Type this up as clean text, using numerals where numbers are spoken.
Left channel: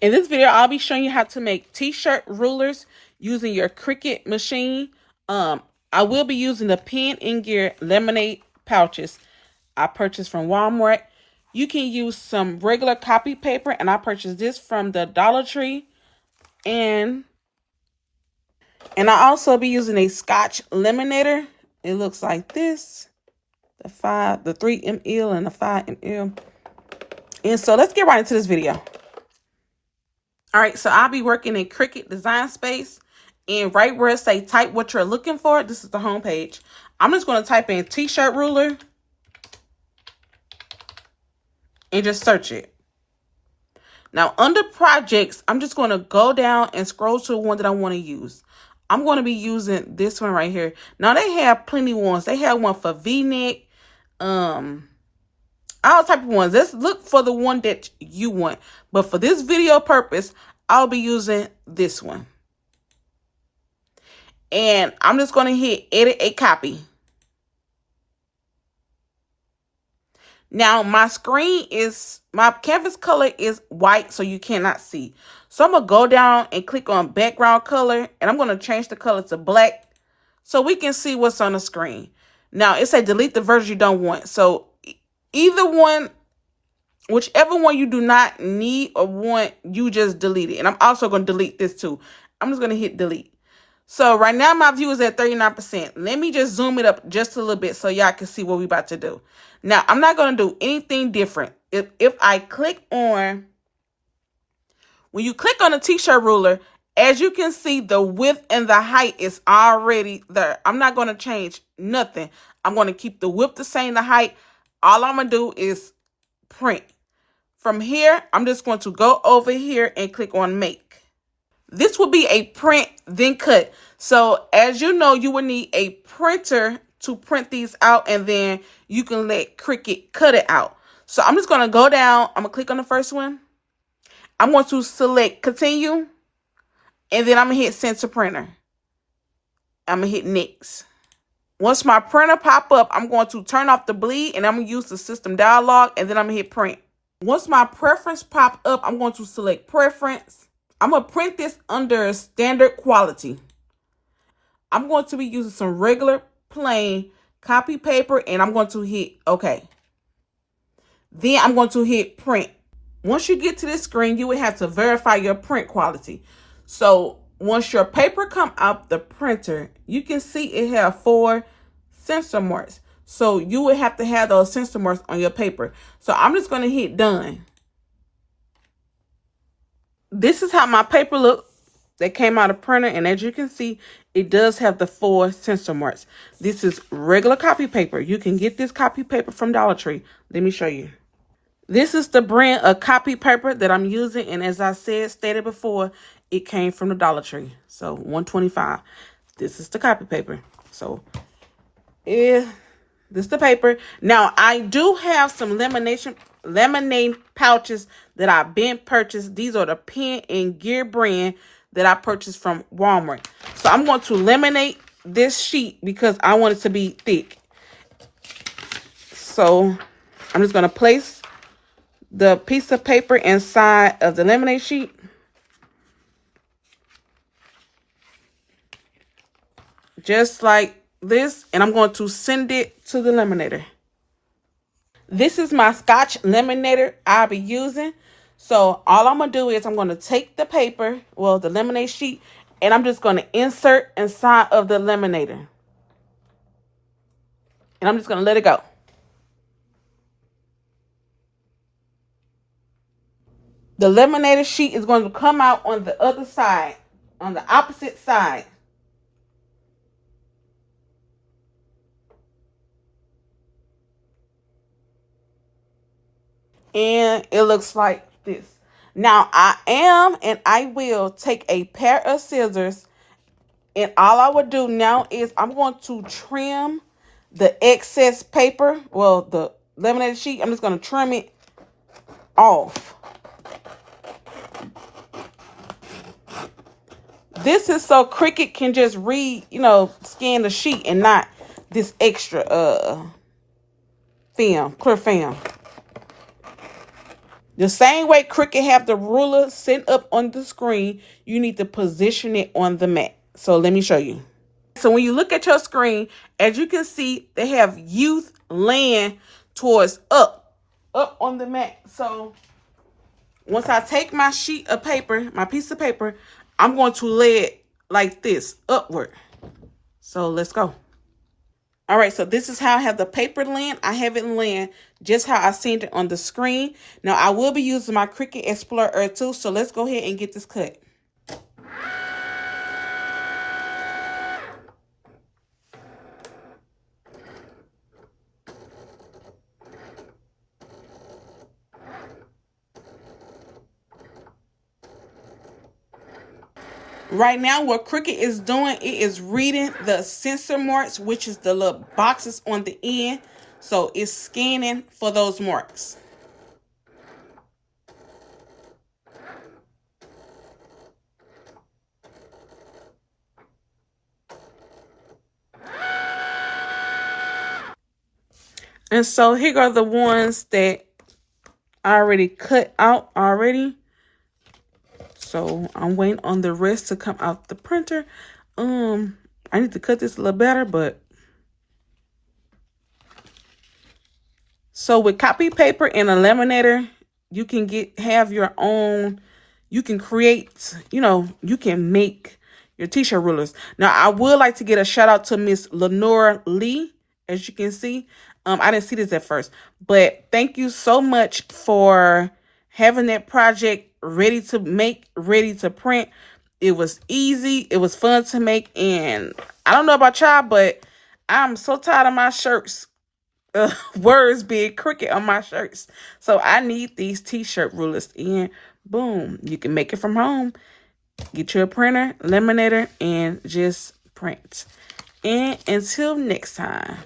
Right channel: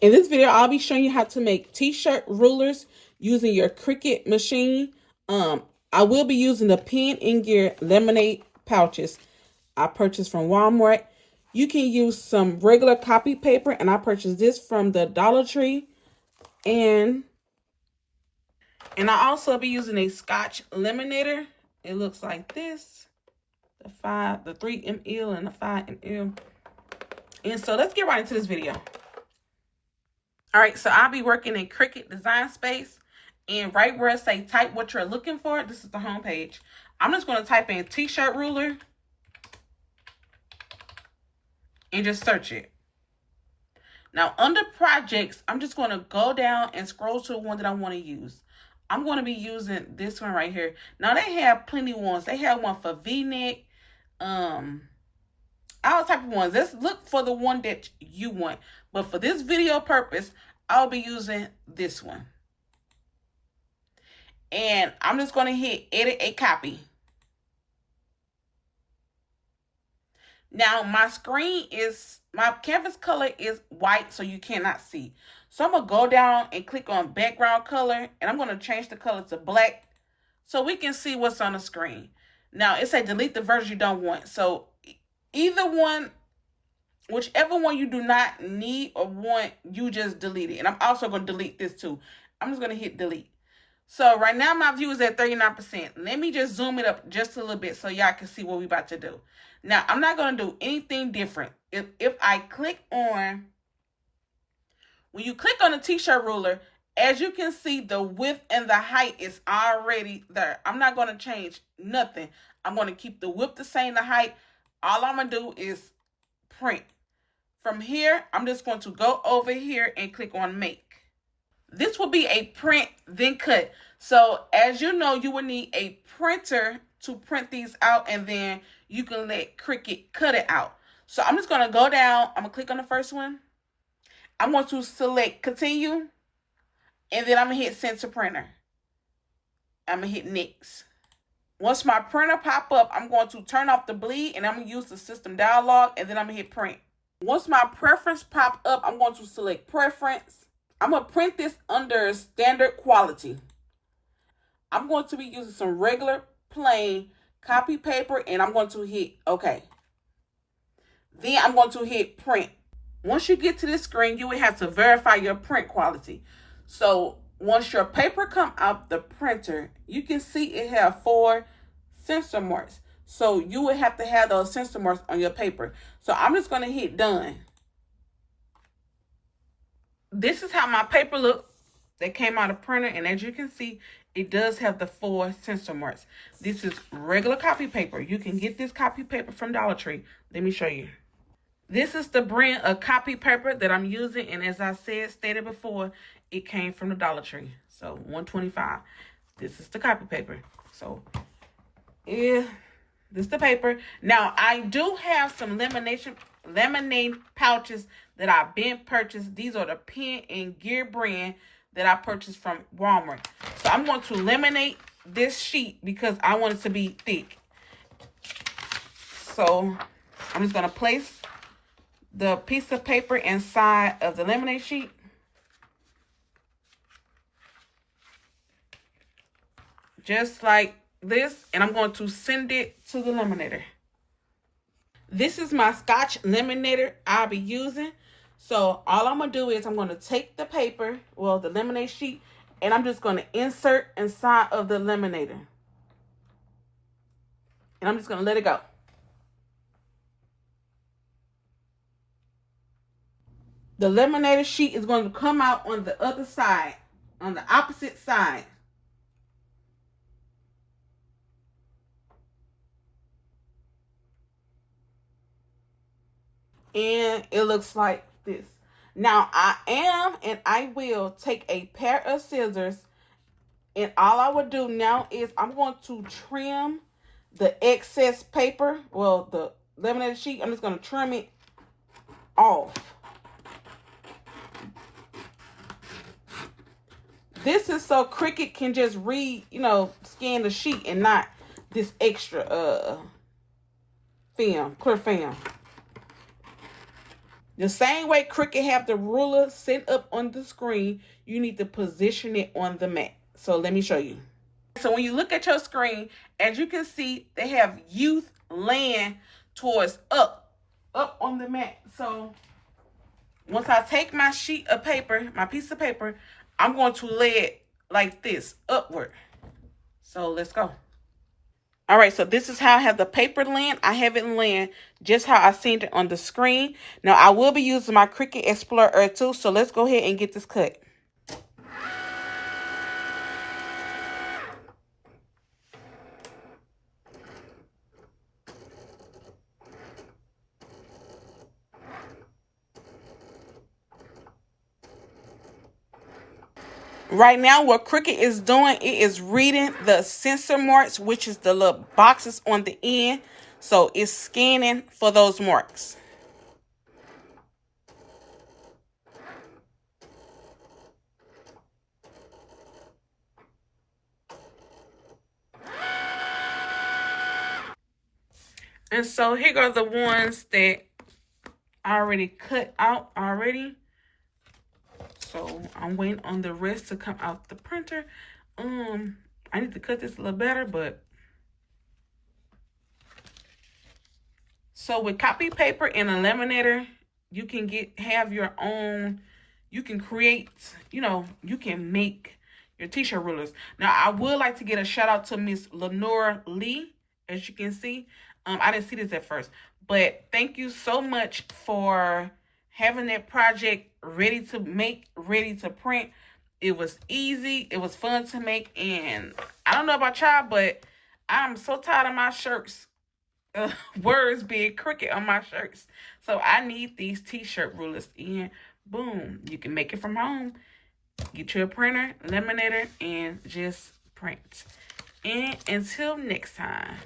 In this video, I'll be showing you how to make t-shirt rulers using your Cricut machine. I will be using the Pen and Gear Laminate pouches I purchased from Walmart. You can use some regular copy paper, and I purchased this from the Dollar Tree. And I also be using a Scotch Laminator. It looks like this. The 3 ml and the 5 ml. And so let's get right into this video. All right, so I'll be working in Cricut Design Space. And right where it say type what you're looking for, this is the home page. I'm just going to type in t-shirt ruler and just search it. Now, under projects, I'm just going to go down and scroll to the one that I want to use. I'm going to be using this one right here. Now, they have plenty of ones. They have one for V-neck, all type of ones. Let's look for the one that you want. But for this video purpose, I'll be using this one. And I'm just going to hit edit a copy. Now, my canvas color is white, so you cannot see. So I'm going to go down and click on background color, and I'm going to change the color to black so we can see what's on the screen. Now, it says delete the version you don't want. So either one, whichever one you do not need or want, you just delete it. And I'm also going to delete this too. I'm just going to hit delete. So right now my view is at 39%. Let me just zoom it up just a little bit so y'all can see what we're about to do. Now, I'm not going to do anything different. If I click on, when you click on the t-shirt ruler, as you can see, the width and the height is already there. I'm not going to change nothing. I'm going to keep the width the same, the height. All I'm going to do is print. From here, I'm just going to go over here and click on make. This will be a print, then cut. So as you know, you will need a printer to print these out, and then you can let Cricut cut it out. So I'm just going to go down. I'm going to click on the first one. I'm going to select continue, and then I'm going to hit send to printer. I'm going to hit next. Once my printer pop up, I'm going to turn off the bleed, and I'm going to use the system dialog, and then I'm going to hit print. Once my preference pop up, I'm going to select preference. I'm going to print this under standard quality. I'm going to be using some regular plain copy paper, and I'm going to hit OK. Then I'm going to hit print. Once you get to this screen, you will have to verify your print quality. So once your paper come out the printer, you can see it have 4 sensor marks. So you would have to have those sensor marks on your paper. So I'm just going to hit done. This is how my paper looked that came out of printer, and as you can see, it does have the 4 sensor marks. This is regular copy paper. You can get this copy paper from Dollar Tree. Let me show you. This is the brand of copy paper that I'm using, and as I stated before, it came from the Dollar Tree. So $1.25. This is the copy paper. So this is the paper. Now I do have some laminate pouches that I've been purchased. These are the Pen and Gear brand that I purchased from Walmart. So I'm going to laminate this sheet because I want it to be thick. So I'm just going to place the piece of paper inside of the laminate sheet. Just like this. And I'm going to send it to the laminator. This is my Scotch Laminator I'll be using. So all I'm going to do is I'm going to take the paper, well, the laminate sheet, and I'm just going to insert inside of the laminator. And I'm just going to let it go. The laminator sheet is going to come out on the other side, on the opposite side. And it looks like this. Now, I will take a pair of scissors, and all I would do now is I'm going to trim the excess paper, well, the laminated sheet. I'm just going to trim it off. This is so Cricut can just scan the sheet and not this extra film, clear film. The same way Cricut have the ruler set up on the screen, you need to position it on the mat. So let me show you. So when you look at your screen, as you can see, they have youth laying towards up on the mat. So once I take my sheet of paper, my piece of paper, I'm going to lay it like this, upward. So let's go. All right, so this is how I have the paper laying. I have it laying just how I seen it on the screen. Now, I will be using my Cricut Explorer too, so let's go ahead and get this cut. Right now, what Cricut is doing, it is reading the sensor marks, which is the little boxes on the end. So it's scanning for those marks. And so here go the ones that I already cut out already. So I'm waiting on the rest to come out the printer. I need to cut this a little better, but so with copy paper and a laminator, you can have your own, you can create, you can make your t-shirt rulers. Now, I would like to get a shout out to Miss Lenora Lee. As you can see, I didn't see this at first, but thank you so much for having that project ready to make, ready to print. It was easy. It was fun to make. And I don't know about y'all, but I'm so tired of my shirts. Words being Cricut on my shirts. So I need these t-shirt rulers. And boom, you can make it from home. Get you a printer, laminator, and just print. And until next time.